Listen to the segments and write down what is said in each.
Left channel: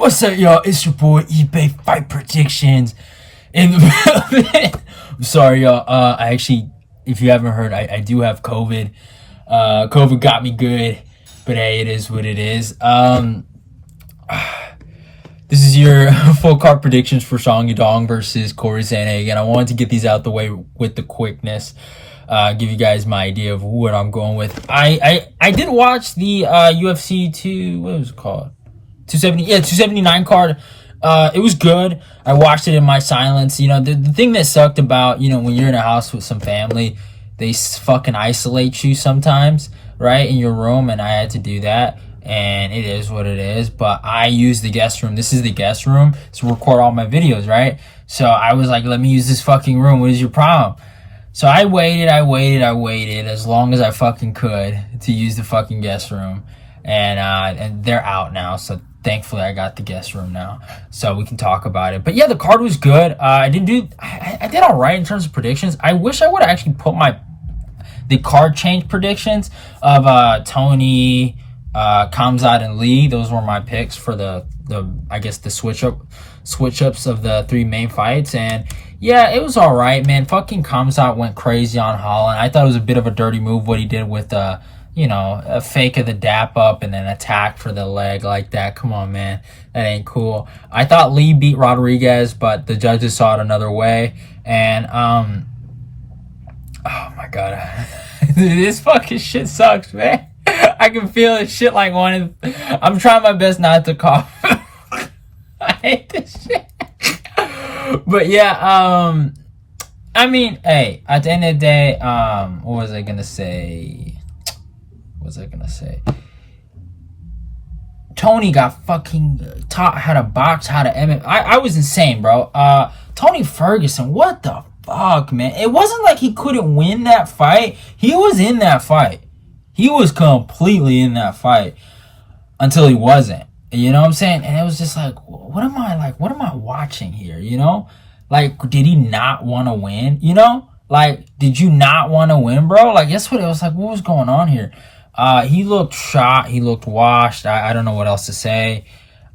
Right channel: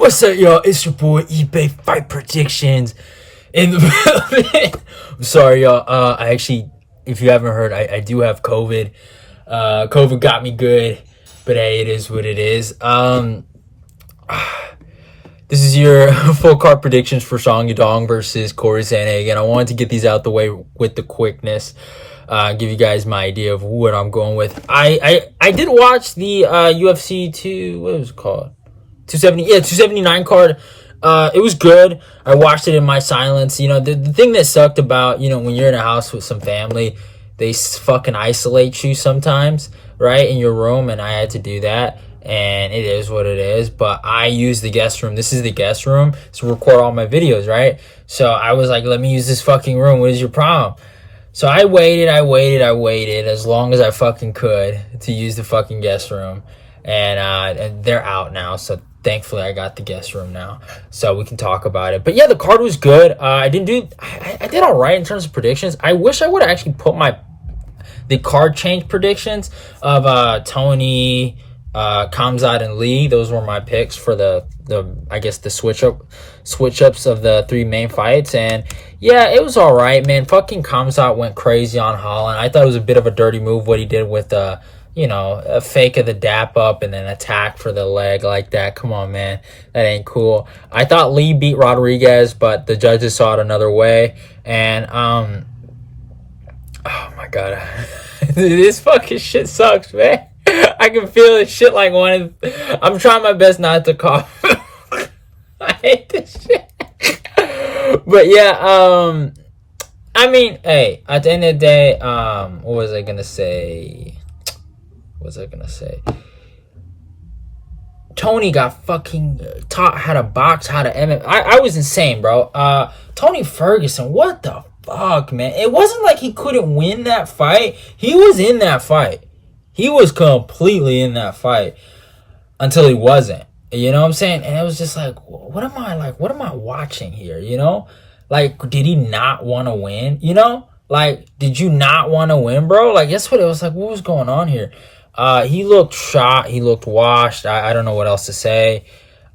What's up, y'all? It's your boy eBay Fight Predictions in the building. I'm sorry, y'all. I actually, if you haven't heard, I do have COVID. COVID got me good, but hey, it is what it is. This is your full card predictions for Yadong versus Cory Sandhagen. I wanted to get these out the way with the quickness. Give you guys my idea of what I'm going with. I did watch the UFC what was it called? 279 card. It was good. I watched it in my silence. You know, the thing that sucked about, you know, when you're in a house with some family, they fucking isolate you sometimes, right, in your room, and I had to do that, and it is what it is. But I use the guest room. This is the guest room to record all my videos, right? So I was like, let me use this fucking room. What is your problem? So I waited as long as I fucking could to use the fucking guest room, and they're out now, so thankfully I got the guest room now, so we can talk about it. But yeah, the card was good. I did all right in terms of predictions. I wish I would have actually put the card change predictions of Tony, Khamzat, and Lee. Those were my picks for the I guess the switch ups of the three main fights. And yeah, it was all right, man. Fucking Khamzat went crazy on Holland. I thought it was a bit of a dirty move what he did with you know, a fake of the dap up and then attack for the leg like that. Come on, man. That ain't cool. I thought Lee beat Rodrigues, but the judges saw it another way. And, oh my God. This fucking shit sucks, man. I can feel this shit like I'm trying my best not to cough. I hate this shit. But yeah, I mean, hey, at the end of the day, what was I gonna say? Tony got fucking taught how to box, how to MMA. I was insane, bro. Tony Ferguson, what the fuck, man? It wasn't like he couldn't win that fight. He was in that fight. He was completely in that fight until he wasn't. You know what I'm saying? And it was just like, what am I watching here? You know? Like, did he not want to win? You know? Like, did you not want to win, bro? Like, that's what it was like. What was going on here? He looked shot. He looked washed. I don't know what else to say.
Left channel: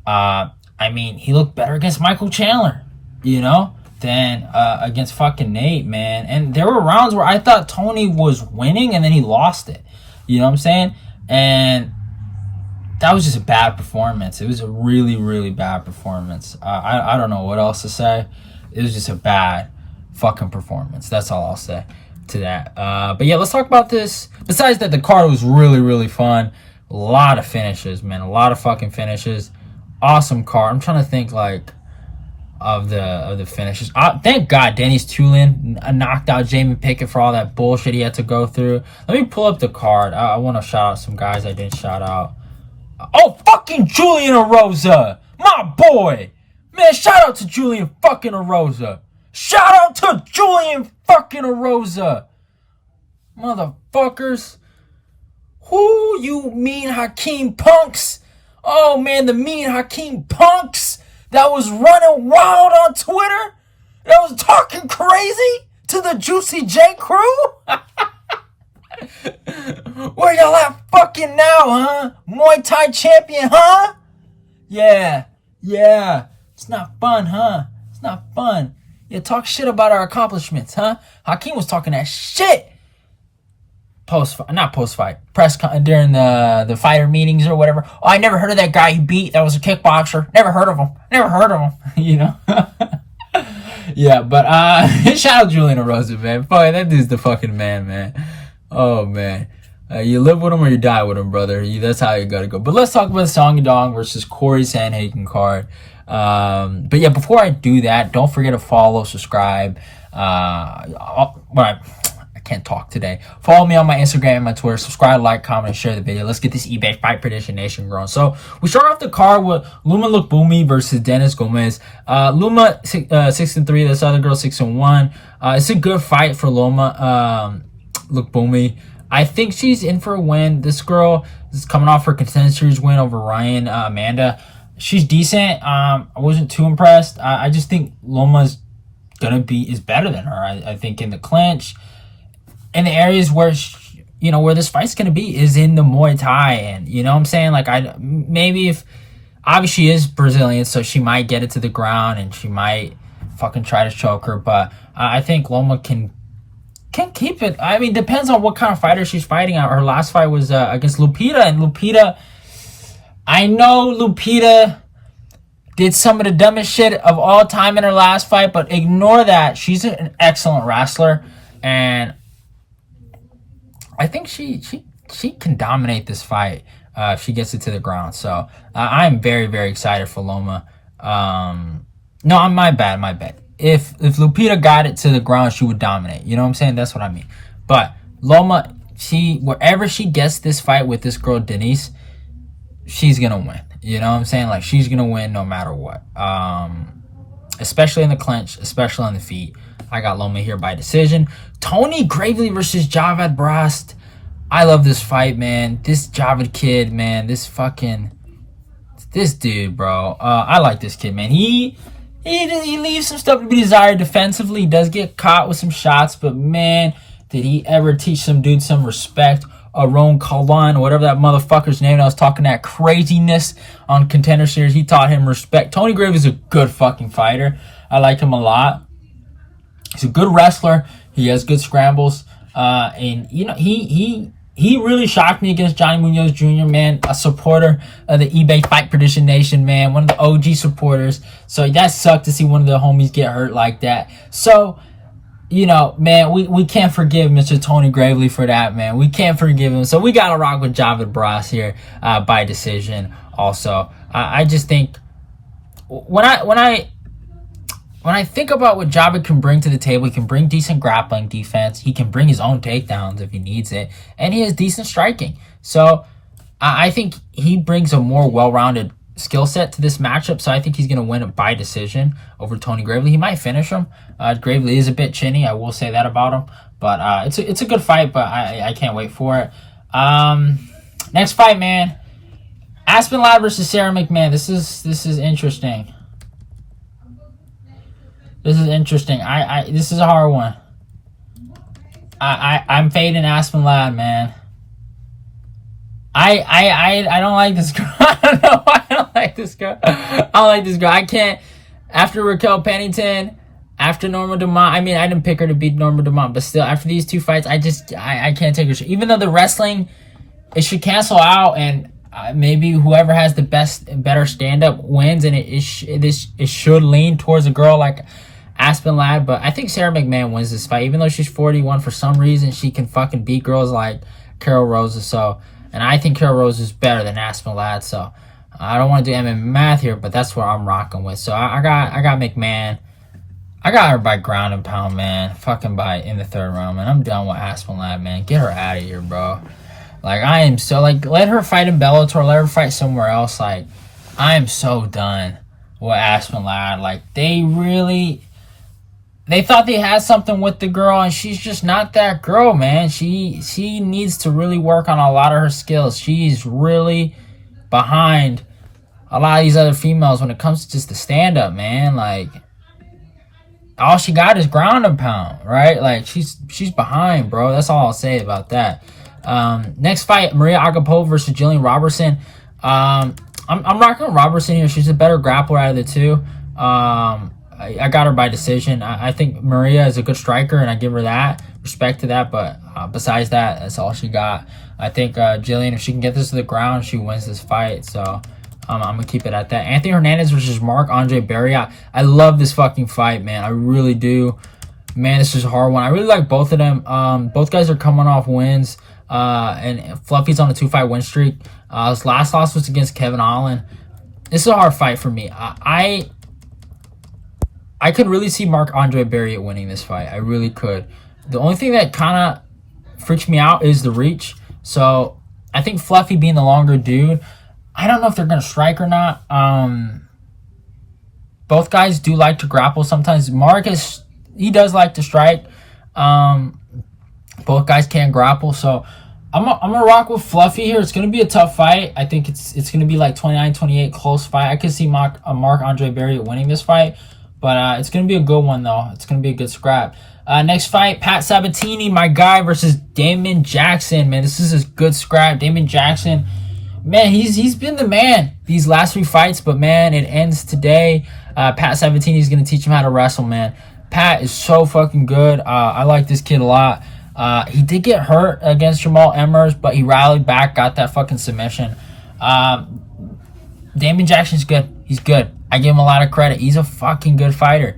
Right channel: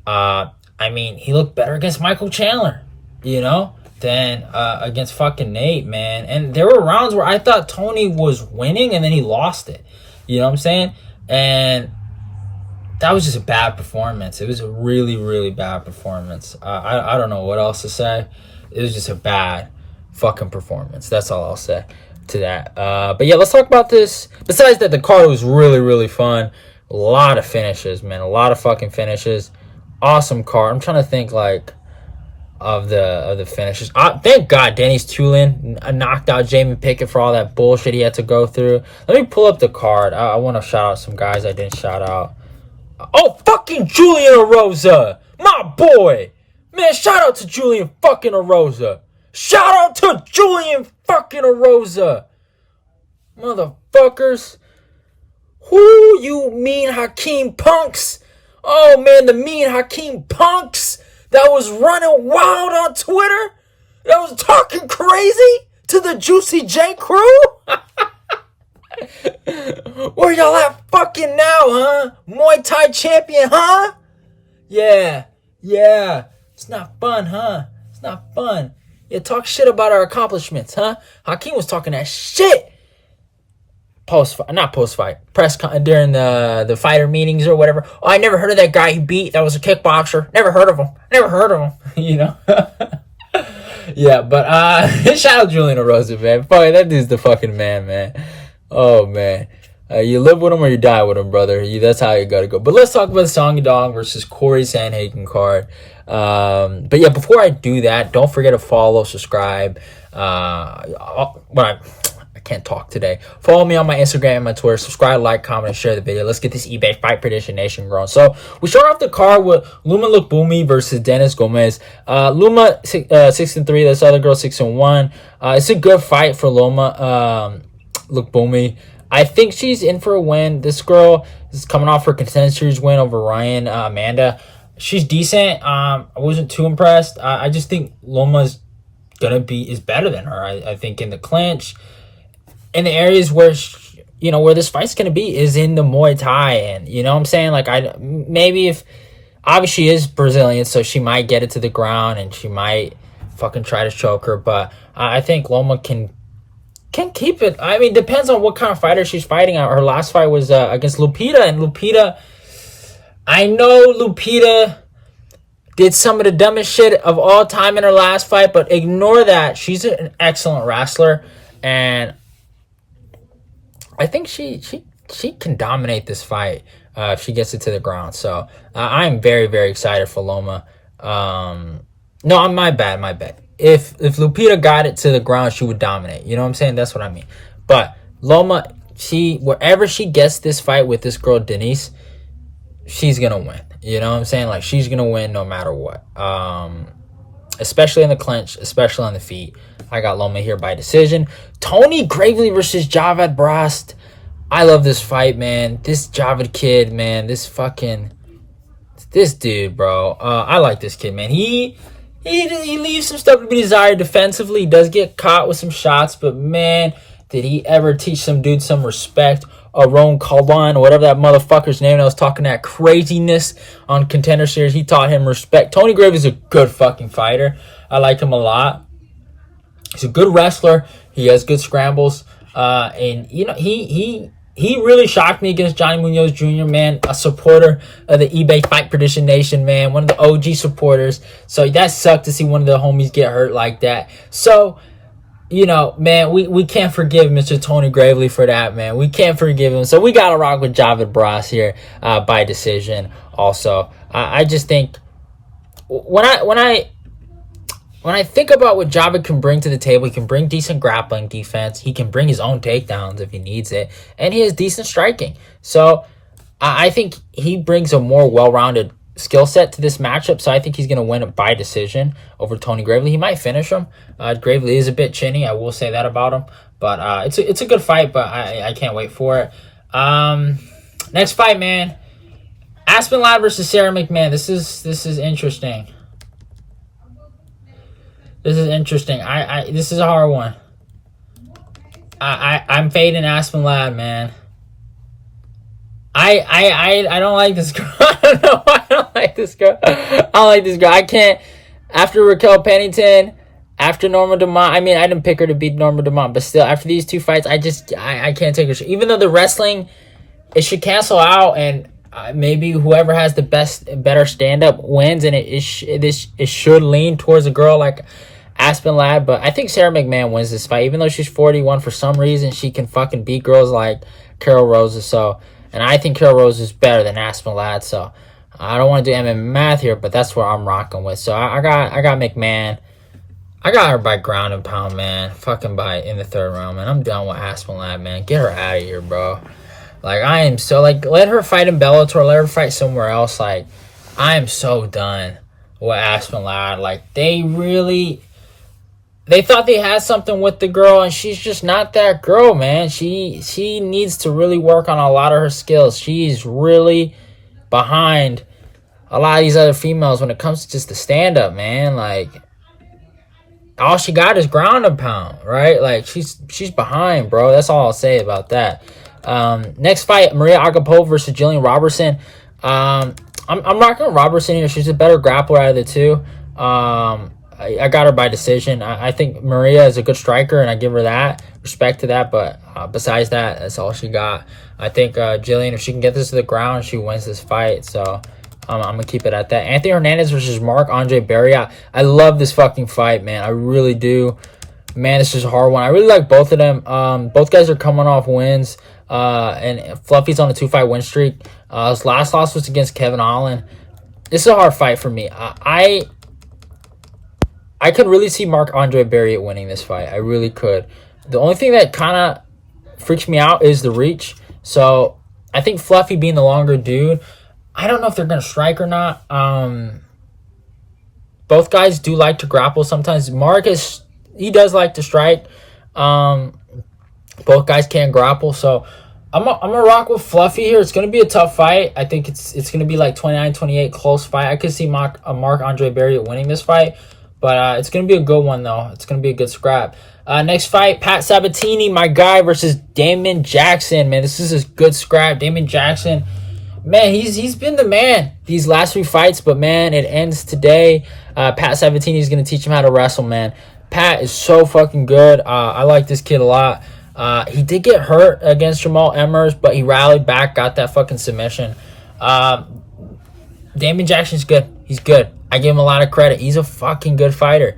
I mean, he looked better against Michael Chandler, you know, than against fucking Nate, man. And there were rounds where I thought Tony was winning and then he lost it. You know what I'm saying? And that was just a bad performance. It was a really, really bad performance. I don't know what else to say. It was just a bad fucking performance. That's all I'll say to that. But yeah, let's talk about this. Besides that, the card was really, really fun. A lot of finishes, man. A lot of fucking finishes. Awesome card. I'm trying to think like of the finishes. Thank God Dennis Tulin knocked out Jamie Pickett for all that bullshit he had to go through. Let me pull up the card. I want to shout out some guys I didn't shout out. Oh, fucking Julian Erosa, my boy. Man, shout out to Julian fucking Erosa. Shout out to Julian fucking Erosa. Motherfuckers. Who you mean Hakeem punks? Oh, man, the mean Hakeem punks that was running wild on Twitter, that was talking crazy to the Juicy J crew. Where y'all at fucking now, huh? Muay Thai champion, huh? Yeah. It's not fun, huh? It's not fun. Yeah, talk shit about our accomplishments, huh? Hakeem was talking that shit. Not post-fight. During the fighter meetings or whatever. Oh, I never heard of that guy you beat. That was a kickboxer. Never heard of him. You know? Yeah, but shout out Julian Erosa, man. Boy, that dude's the fucking man. Oh, man. You live with him or you die with him, brother. That's how you gotta go. But let's talk about the Yadong versus Cory Sandhagen card. But yeah, before I do that, don't forget to follow, subscribe. I can't talk today. Follow me on my Instagram and my Twitter. Subscribe, like, comment, and share the video. Let's get this eBay Fight Prediction Nation growing. So we start off the card with Luma Lukbumi versus Dennis Gomez. Luma 6-3. This other girl 6-1. It's a good fight for Luma Lukbumi. I think she's in for a win. This girl is coming off her Contender Series win over Ryan Amanda. She's decent. I wasn't too impressed. I just think Loma's is better than her. I think in the clinch, in the areas where where this fight's gonna be is in the Muay Thai, and you know what I'm saying. Like maybe if Obviously, she is Brazilian, so she might get it to the ground and she might fucking try to choke her. But I think Loma can keep it. I mean, depends on what kind of fighter she's fighting. Her last fight was against Lupita, and Lupita, I know Lupita did some of the dumbest shit of all time in her last fight, but ignore that. She's an excellent wrestler, and I think she can dominate this fight if she gets it to the ground. So I'm very, very excited for Loma. No, my bad. If Lupita got it to the ground, she would dominate. You know what I'm saying? That's what I mean. But Loma, wherever she gets this fight with this girl Denise, she's gonna win. You know what I'm saying? Like, she's gonna win no matter what. Especially in the clinch, especially on the feet. I got Loma here by decision. Tony Gravely versus Javad Brast. I love this fight, man. This Javad kid, man. This dude, bro. I like this kid, man. He leaves some stuff to be desired defensively. He does get caught with some shots, but man, did he ever teach some dude some respect. Ron Kalwan, or whatever that motherfucker's name that was talking that craziness on Contender Series, he taught him respect. Tony Graves is a good fucking fighter. I like him a lot. He's a good wrestler. He has good scrambles. And, you know, he really shocked me against Johnny Munoz Jr., man. A supporter of the eBay Fight Prediction Nation, man. One of the OG supporters. So that sucked to see one of the homies get hurt like that. So, you know, man, we can't forgive Mr. Tony Gravely for that, man. We can't forgive him. So we got to rock with Javad Brast here by decision also. I just think when I think about what Javad can bring to the table, he can bring decent grappling defense. He can bring his own takedowns if he needs it. And he has decent striking. So I think he brings a more well-rounded skill set to this matchup. So I think he's going to win it by decision over Tony Gravely. He might finish him. Gravely is a bit chinny. I will say that about him. But it's a good fight, but I can't wait for it. Next fight, man. Aspen Ladd versus Sarah McMahon. This is interesting. This is interesting. This is a hard one. I'm fading Aspen Ladd, man. I don't like this girl. I don't know why I don't like this girl. I don't like this girl. I can't. After Raquel Pennington, after Norma Dumont, I mean, I didn't pick her to beat Norma Dumont, but still, after these two fights, I can't take her. Even though the wrestling, it should cancel out, and maybe whoever has the better stand-up wins, and it should lean towards a girl like Aspen Ladd, but I think Sarah McMahon wins this fight. Even though she's 41, for some reason, she can fucking beat girls like Carol Rosa. So, and I think Carol Rosa is better than Aspen Ladd. So, I don't want to do MMA math here, but that's what I'm rocking with. So, I got McMahon. I got her by ground and pound, man. Fucking by in the third round, man. I'm done with Aspen Ladd, man. Get her out of here, bro. Like, I am so, like, let her fight in Bellator. Let her fight somewhere else. Like, I am so done with Aspen Ladd. Like, they thought they had something with the girl, and she's just not that girl, man. She needs to really work on a lot of her skills. She's really behind a lot of these other females when it comes to just the stand-up, man. Like, all she got is ground and pound, right? Like, she's behind, bro. That's all I'll say about that. Next fight, Mariya Agapova versus Jillian Robertson. I'm rocking Robertson here. She's a better grappler out of the two. I got her by decision. I think Mariya is a good striker, and I give her that respect to that. But besides that, that's all she got. I think Jillian, if she can get this to the ground, she wins this fight. So I'm going to keep it at that. Anthony Hernandez versus Marc-Andre Barriault. I love this fucking fight, man. I really do. Man, this is a hard one. I really like both of them. Both guys are coming off wins. And Fluffy's on a 2-fight win streak. His last loss was against Kevin Alen. This is a hard fight for me. I could really see Marc-Andre Barriault winning this fight. I really could. The only thing that kind of freaks me out is the reach. So I think Fluffy being the longer dude, I don't know if they're going to strike or not. Both guys do like to grapple sometimes. Marcus, he does like to strike. Both guys can grapple. So I'm gonna rock with Fluffy here. It's going to be a tough fight. I think it's going to be like 29-28, close fight. I could see Marc-Andre Barriault winning this fight. But it's going to be a good one, though. It's going to be a good scrap. Next fight, Pat Sabatini, my guy, versus Damon Jackson. Man, this is a good scrap. Damon Jackson man, he's been the man these last 3 fights, but man, it ends today. Pat Sabatini is going to teach him how to wrestle, man. Pat is so fucking good. I like this kid a lot. He did get hurt against Jamal Emmers, but he rallied back, got that fucking submission. Damon Jackson's good. He's good. I give him a lot of credit. He's a fucking good fighter.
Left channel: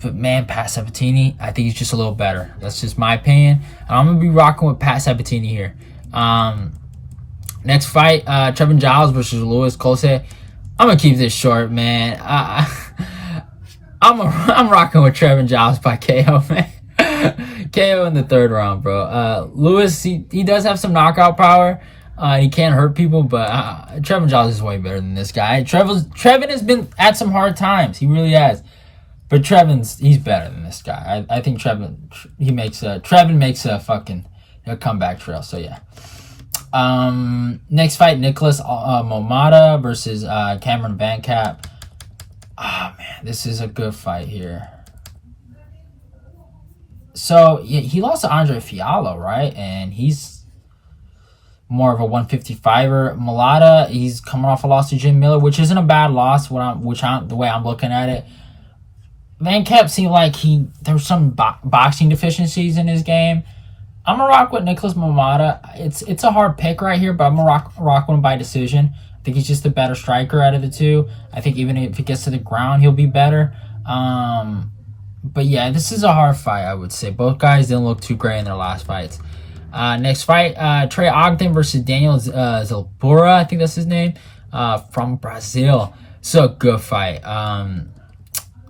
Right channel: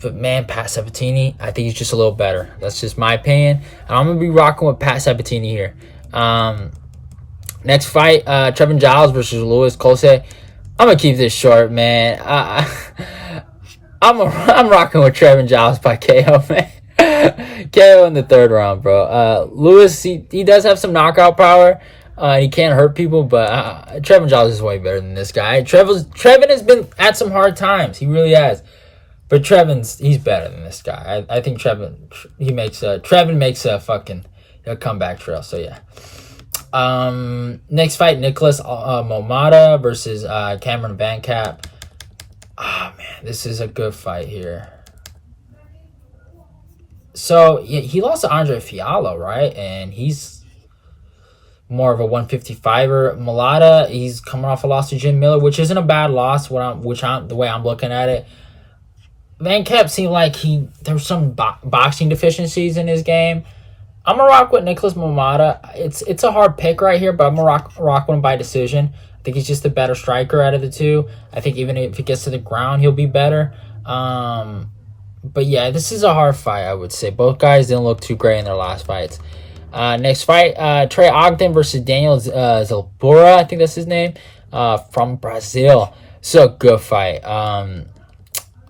But man, Pat Sabatini, I think he's just a little better. That's just my opinion. And I'm going to be rocking with Pat Sabatini here. Next fight, Trevin Giles versus Louis Cosce. I'm going to keep this short, man. I'm rocking with Trevin Giles by KO, man. KO in the 3rd round, bro. Louis, he does have some knockout power. He can't hurt people, but Trevin Giles is way better than this guy. Trevin has been at some hard times. He really has. But he's better than this guy. I think Trevin makes a fucking comeback trail. So yeah. Next fight, Nikolas Motta versus Cameron VanCamp. Man, this is a good fight here. So he lost to Andre Fiallo, right? And he's more of a 155er. Motta, he's coming off a loss to Jim Miller, which isn't a bad loss. The way I'm looking at it. VanCamp seemed like there's some boxing deficiencies in his game. I'm gonna rock with Nikolas Motta. It's a hard pick right here, but I'm gonna rock with him by decision. I think he's just a better striker out of the two. I think even if he gets to the ground, he'll be better. But yeah, this is a hard fight, I would say. Both guys didn't look too great in their last fights. Next fight, Trey Ogden versus Daniel Zellhuber, I think that's his name, from Brazil. So a good fight.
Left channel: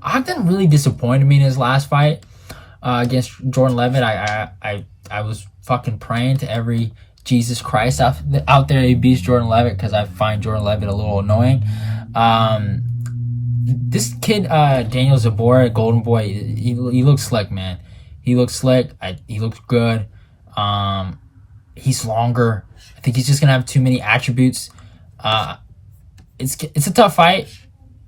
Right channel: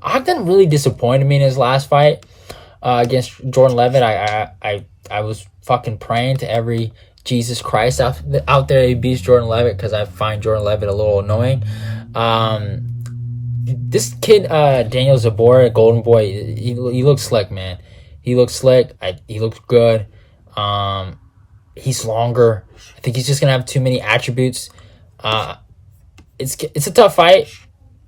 Ogden really disappointed me in his last fight against Jordan Levitt. I was fucking praying to every Jesus Christ out there he beats Jordan Levitt, because I find Jordan Levitt a little annoying. This kid, Daniel Zellhuber, Golden Boy, he looks slick, man. He looks slick. He looks good. He's longer. I think he's just gonna have too many attributes. It's a tough fight,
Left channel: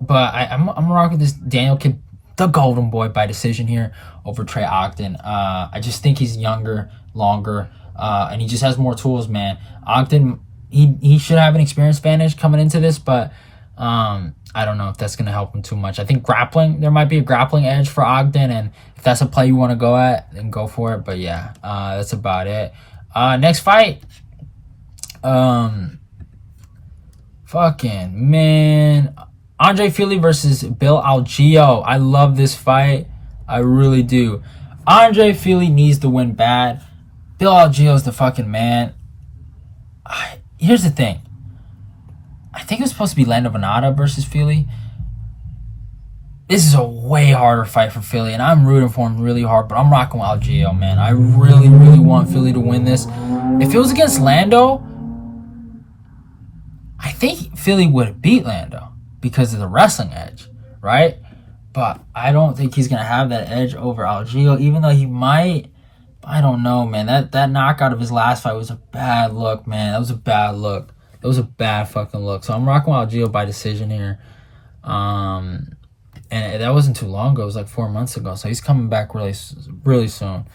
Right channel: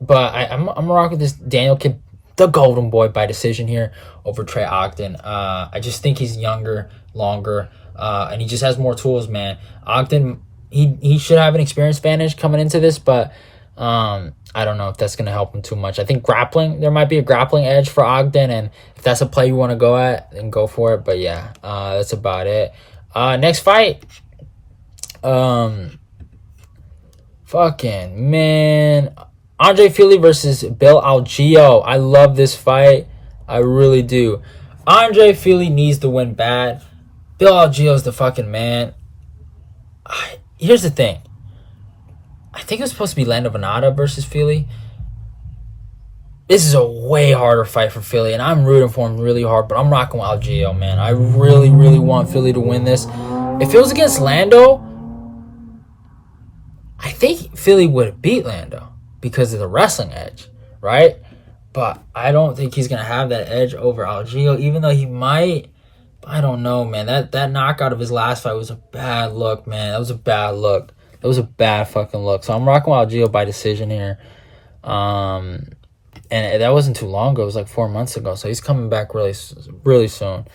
but I'm gonna rock with this Daniel kid, the Golden Boy, by decision here over Trey Ogden. I just think he's younger, longer, and he just has more tools, man. Ogden, he should have an experience advantage coming into this, but I don't know if that's going to help him too much. I think there might be a grappling edge for Ogden, and if that's a play you want to go at, then go for it. But yeah, that's about it. Next fight. Fucking man. Andre Fili versus Bill Algeo. I love this fight. I really do. Andre Fili needs to win bad. Bill Algeo is the fucking man. Here's the thing. I think it was supposed to be Lando Venata versus Fili. This is a way harder fight for Fili, and I'm rooting for him really hard, but I'm rocking with Algeo, man. I really, really want Fili to win this. If it was against Lando, I think Fili would have beat Lando because of the wrestling edge, right? But I don't think he's going to have that edge over Algeo, even though he might. I don't know, man. That knockout of his last fight was a bad look, man. That was a bad look. That was a bad fucking look. So I'm rocking with Algeo by decision here. And that wasn't too long ago. It was like 4 months ago. So he's coming back really, really soon.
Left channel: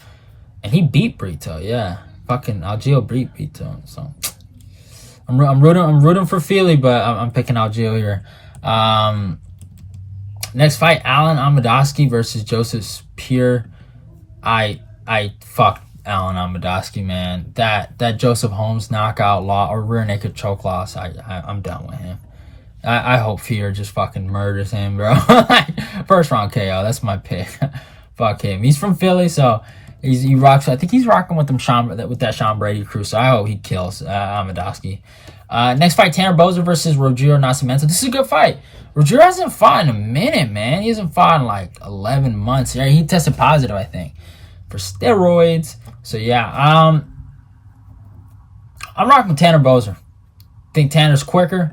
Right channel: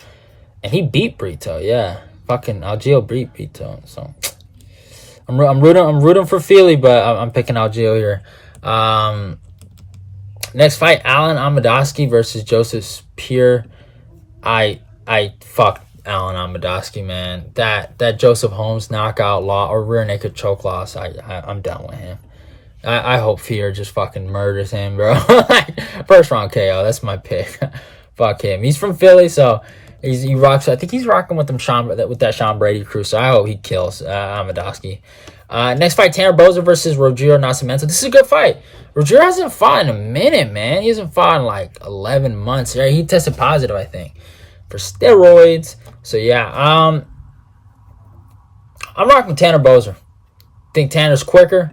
And he beat Brito, yeah. Fucking Algeo beat Brito. So I'm rooting for Fili, but I'm picking Algeo here. Next fight, Alen Amedovski versus Joseph Spear. I fuck Alen Amedovski, man. That Joseph Holmes knockout loss or rear naked choke loss, I'm down with him. I hope Fear just fucking murders him, bro. First round KO, that's my pick. Fuck him. He's from Philly, so he rocks. I think he's rocking with that Sean Brady crew. So I hope he kills Amedovski. Next fight, Tanner Boser versus Rodrigues Nascimento. This is a good fight. Rodrigues hasn't fought in a minute, man. He hasn't fought in like 11 months. Yeah, he tested positive, I think, for steroids. So yeah, I'm rocking with Tanner Boser. Think Tanner's quicker.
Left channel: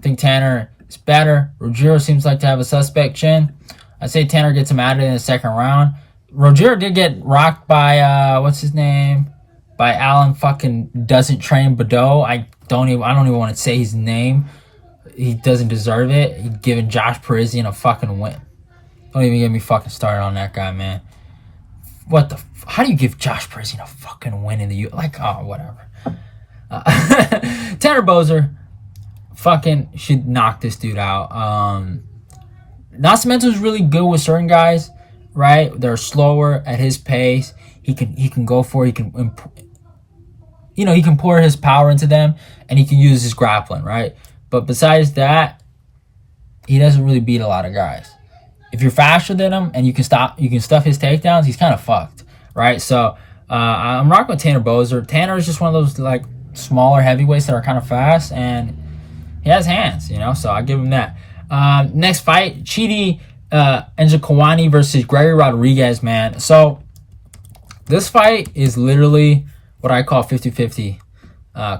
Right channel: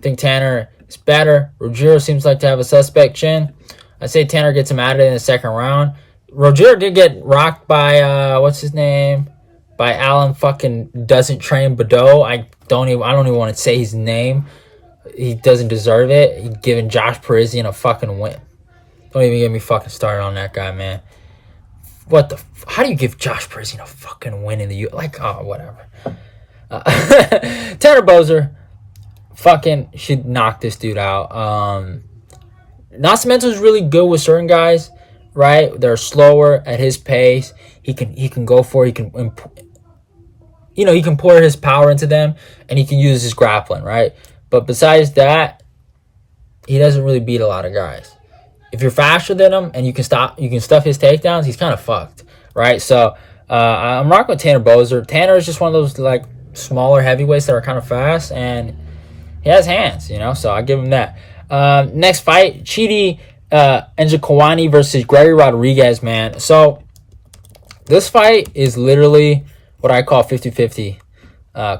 Think Tanner is better. Rodrigues seems like to have a suspect chin. I say Tanner gets him out of it in the second round. Rodrigues did get rocked by what's his name? By Alan fucking doesn't train Badeau. I don't even want to say his name. He doesn't deserve it. He's giving Josh Parisian a fucking win. Don't even get me fucking started on that guy, man. How do you give Josh Parisian a fucking win in the whatever. Tanner Boser fucking should knock this dude out. Nascimento is really good with certain guys, right? They're slower at his pace. He can go for it. He can pour his power into them, and he can use his grappling, right? But besides that, he doesn't really beat a lot of guys. If you're faster than him and you can stuff his takedowns, he's kind of fucked, right? So I'm rocking with Tanner Boser. Tanner is just one of those like smaller heavyweights that are kind of fast, and he has hands, so I give him that. Next fight, Chidi Njokuani versus Gregory Rodrigues, man. So this fight is literally what I call 50-50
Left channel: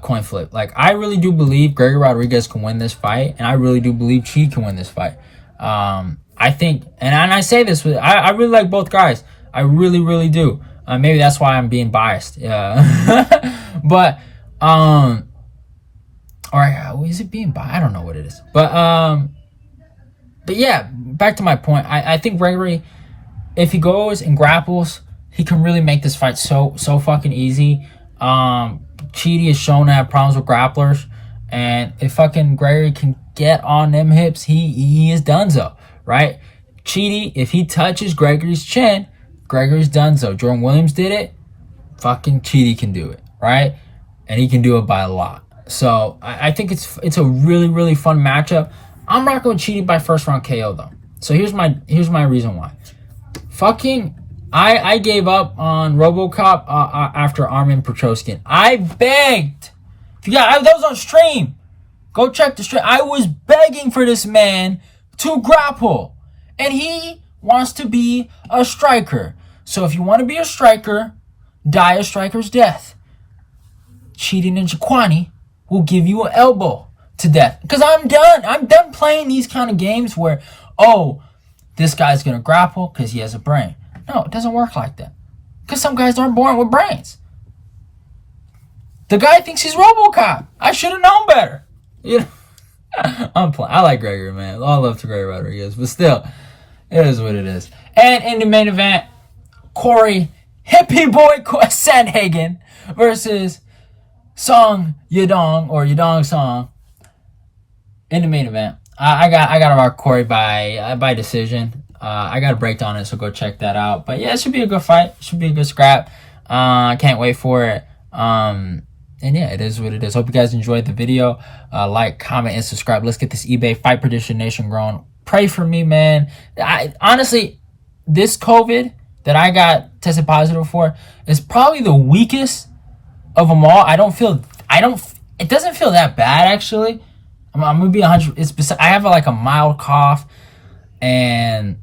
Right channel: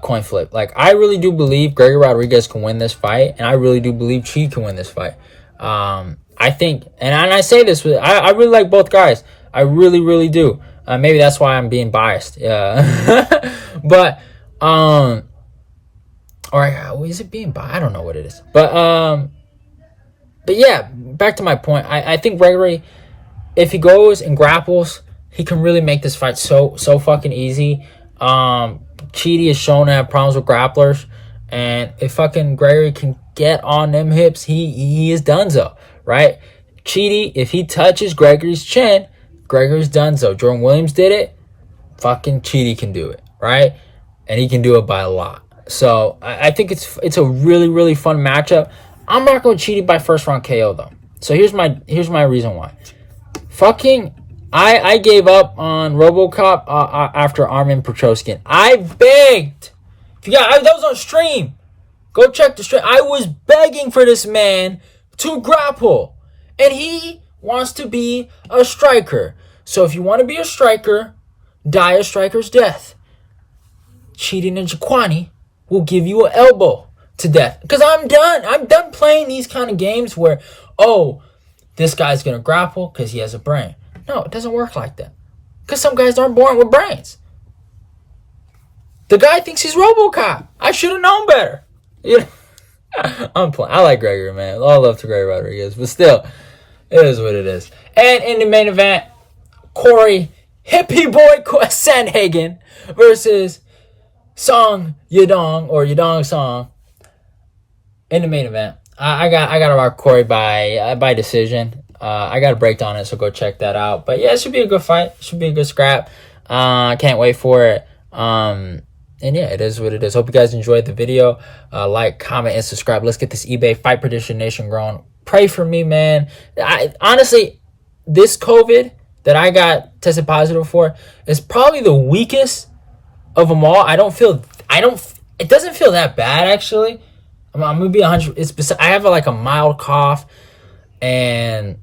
coin flip. Like, I really do believe Gregory Rodrigues can win this fight, and I really do believe Chidi can win this fight. I think, and I say this, I really like both guys. I really, really do. Maybe that's why I'm being biased. But, or is it being biased? I don't know what it is. But yeah, back to my point. I think Gregory, if he goes and grapples, he can really make this fight so fucking easy. Chidi is shown to have problems with grapplers, and if fucking Gregory can get on them hips, he is donezo, right? Chidi, if he touches Gregory's chin, Gregory's donezo. Jordan Williams did it. Fucking Chidi can do it, right? And he can do it by a lot. So I think it's a really, really fun matchup. I'm rocking with Chidi by first round KO though. So here's my reason why. Fucking I gave up on RoboCop after Armin Petrosyan. I begged. If you got that was on stream. Go check the stream. I was begging for this man to grapple, and he wants to be a striker. So if you want to be a striker, die a striker's death. Chidi Njokuani will give you an elbow to death. Because I'm done. I'm done playing these kind of games where, this guy's going to grapple because he has a brain. No, it doesn't work like that. Because some guys aren't born with brains. The guy thinks he's RoboCop. I should have known better. I'm playing. I like Gregory, man. All love to Gregory Rodrigues. But still, it is what it is. And in the main event, Cory Hippie Boy Sandhagen versus Yadong Song. In the main event, I got to rock Cory by decision. I got a breakdown on it, so go check that out. But yeah, it should be a good fight. It should be a good scrap. Can't wait for it. And yeah, it is what it is. Hope you guys enjoyed the video. Like, comment, and subscribe. Let's get this eBay Fight Prediction Nation growing. Pray for me, man. Honestly, this COVID that I got tested positive for is probably the weakest of them all. It doesn't feel that bad, actually. I'm gonna be 100. I have like a mild cough and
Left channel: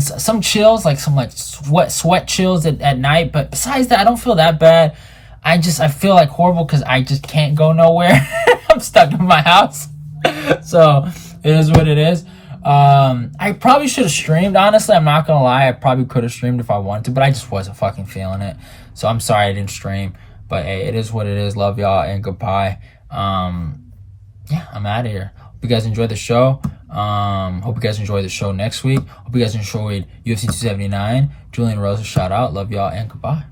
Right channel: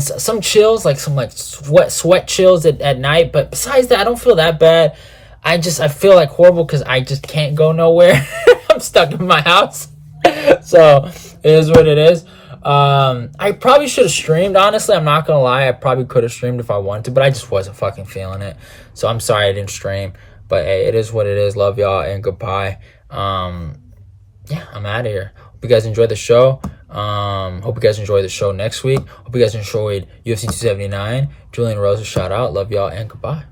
some chills, like some like sweat chills at night. But besides that, I don't feel that bad. I feel like horrible because I just can't go nowhere. I'm stuck in my house. So it is what it is. I probably should have streamed, honestly. I'm not gonna lie. I probably could have streamed if I wanted to, but I just wasn't fucking feeling it. So I'm sorry I didn't stream. But hey, it is what it is. Love y'all and goodbye. Yeah, I'm out of here. Hope you guys enjoyed the show. Hope you guys enjoy the show next week. Hope you guys enjoyed UFC 279. Julian Rosa, shout out. Love y'all and goodbye.